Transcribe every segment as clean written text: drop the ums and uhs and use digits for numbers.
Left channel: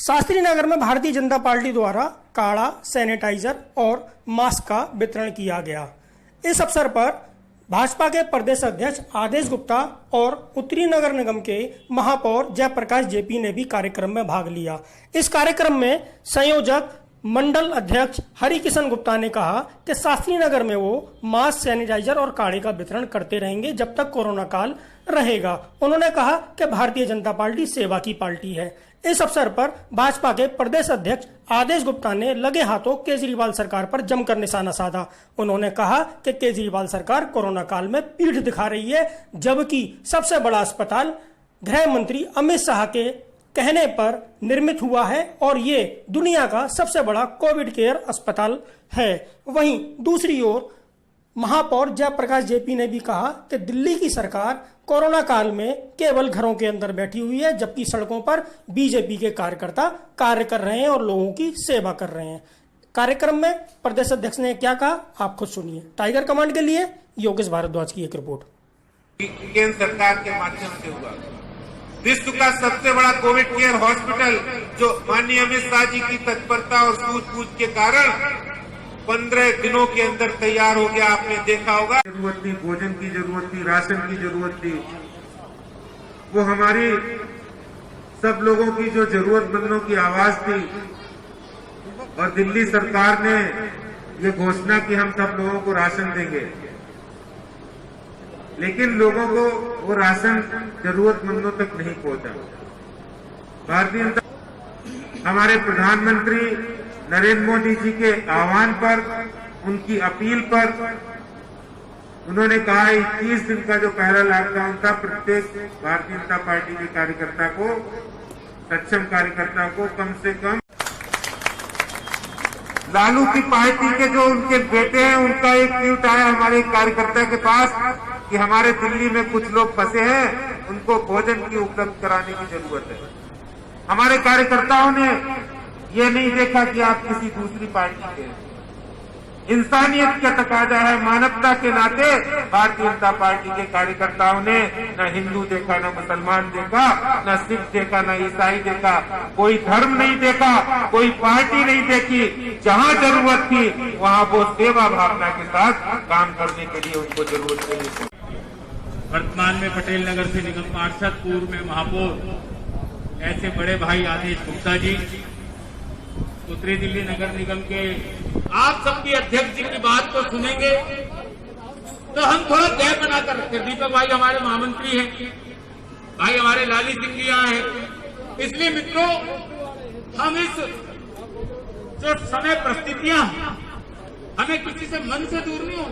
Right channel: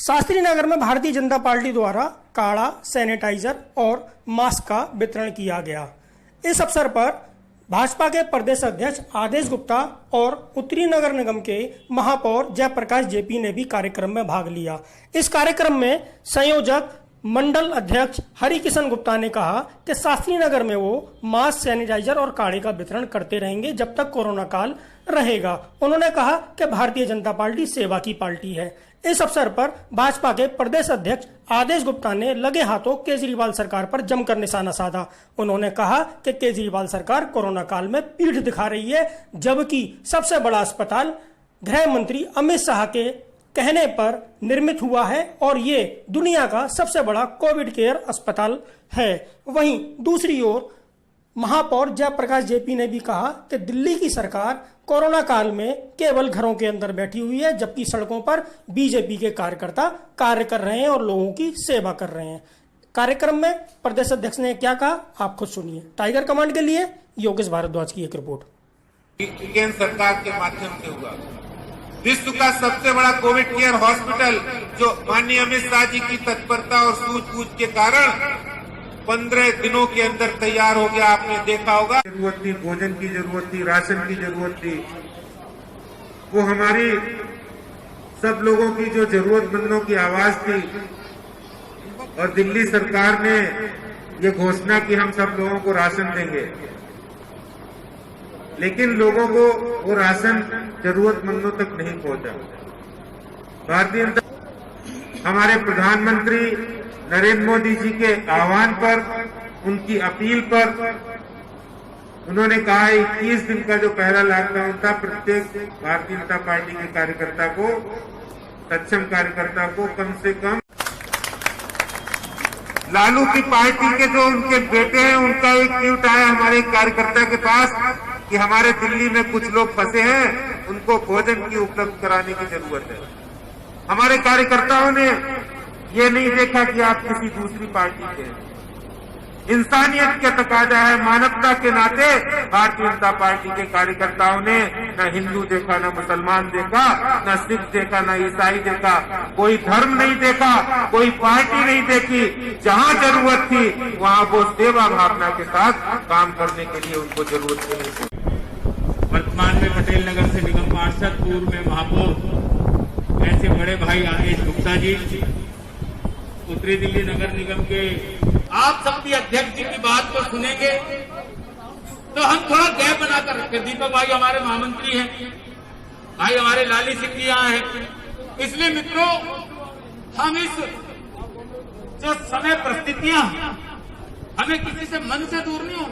शास्त्री नगर में भारतीय जनता पार्टी द्वारा काढ़ा, सैनिटाइजर और मास्क का वितरण किया गया। इस अवसर पर भाजपा के प्रदेश अध्यक्ष आदेश गुप्ता और उत्तरी नगर निगम के महापौर जयप्रकाश जेपी ने भी कार्यक्रम में भाग लिया। इस कार्यक्रम में संयोजक मंडल अध्यक्ष हरिकिशन गुप्ता ने कहा कि शास्त्री नगर में वो मास्क, सैनिटाइजर और काढ़े का वितरण करते रहेंगे जब तक कोरोना काल रहेगा। उन्होंने कहा कि भारतीय जनता पार्टी सेवा की पार्टी है। इस अवसर पर भाजपा के प्रदेश अध्यक्ष आदेश गुप्ता ने लगे हाथों केजरीवाल सरकार पर जमकर निशाना साधा। उन्होंने कहा कि केजरीवाल सरकार कोरोना काल में पीठ दिखा रही है, जबकि सबसे बड़ा अस्पताल गृह मंत्री अमित शाह के कहने पर निर्मित हुआ है और ये दुनिया का सबसे बड़ा कोविड केयर अस्पताल है। वहीं दूसरी ओर महापौर जयप्रकाश जेपी ने भी कहा कि दिल्ली की सरकार कोरोना काल में केवल घरों के अंदर बैठी हुई है, जबकि सड़कों पर बीजेपी के कार्यकर्ता कार्य कर रहे हैं और लोगों की सेवा कर रहे हैं। कार्यक्रम में प्रदेश अध्यक्ष ने क्या कहा, आप खुद सुनिए। टाइगर कमांड के लिए योगेश भारद्वाज की एक रिपोर्ट। केंद्र सरकार के माध्यम से हुआ विश्व का सबसे बड़ा कोविड केयर हॉस्पिटल, जो माननीय अमित शाह जी की तत्परता और सूझबूझ के कारण 15 दिनों के अंदर तैयार हो गया। आपने देखा होगा, जरूरत थी, भोजन की जरूरत थी, राशन की जरूरत थी, वो हमारी सब लोगों की जो जरूरतमंदों की आवाज थी। और दिल्ली सरकार ने ये घोषणा की हम सब लोगों को राशन देंगे, लेकिन लोगों को वो राशन जरूरतमंदों तक नहीं पहुंचा। भारतीय हमारे प्रधानमंत्री नरेंद्र मोदी जी के आह्वान पर, उनकी अपील पर उन्होंने कहा 21 दिन का जो पहला लॉकडाउन था, प्रत्येक भारतीय जनता पार्टी के कार्यकर्ता को, सक्षम कार्यकर्ता को कम से कम लालू की पार्टी के जो उनके बेटे हैं, उनका एक ट्वीट आया हमारे कार्यकर्ता के पास कि हमारे दिल्ली में कुछ लोग फंसे हैं, उनको भोजन की उपलब्ध कराने की जरूरत है। हमारे कार्यकर्ताओं ने ये नहीं देखा कि आप किसी दूसरी पार्टी के, इंसानियत का तकाजा है, मानवता के नाते भारतीय जनता पार्टी के कार्यकर्ताओं ने न हिंदू देखा, न मुसलमान देखा, न सिख देखा, न ईसाई देखा, कोई धर्म नहीं देखा, कोई पार्टी नहीं देखी। जहां जरूरत थी वहां वो सेवा भावना के साथ काम करने के लिए उनको जरूरत नहीं थी। वर्तमान में पटेल नगर से निगम पार्षद, पूर्व में महापौर, ऐसे बड़े भाई आदेश गुप्ता जी, उत्तरी दिल्ली नगर निगम के आप सबकी अध्यक्ष जी की बात को सुनेंगे तो हम थोड़ा गैप बनाकर रखते। दीपक भाई हमारे महामंत्री हैं, भाई हमारे लाली सिंह जी यहाँ हैं। इसलिए मित्रों, हम इस जो समय परिस्थितियां, हमें किसी से मन से दूर नहीं हो,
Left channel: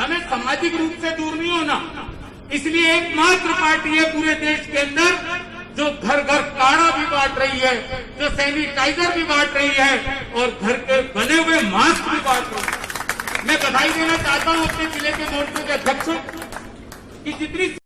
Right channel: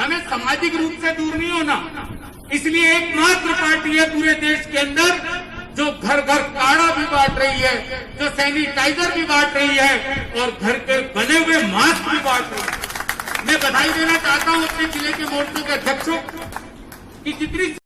हमें सामाजिक रूप से दूर नहीं होना। इसलिए एकमात्र पार्टी है पूरे देश के अंदर जो घर घर काढ़ा भी बांट रही है, जो सैनिटाइजर भी बांट रही है और घर के बने हुए मास्क भी बांट रही है। मैं बधाई देना चाहता हूं अपने जिले के मोर्चों के अध्यक्षों की जितनी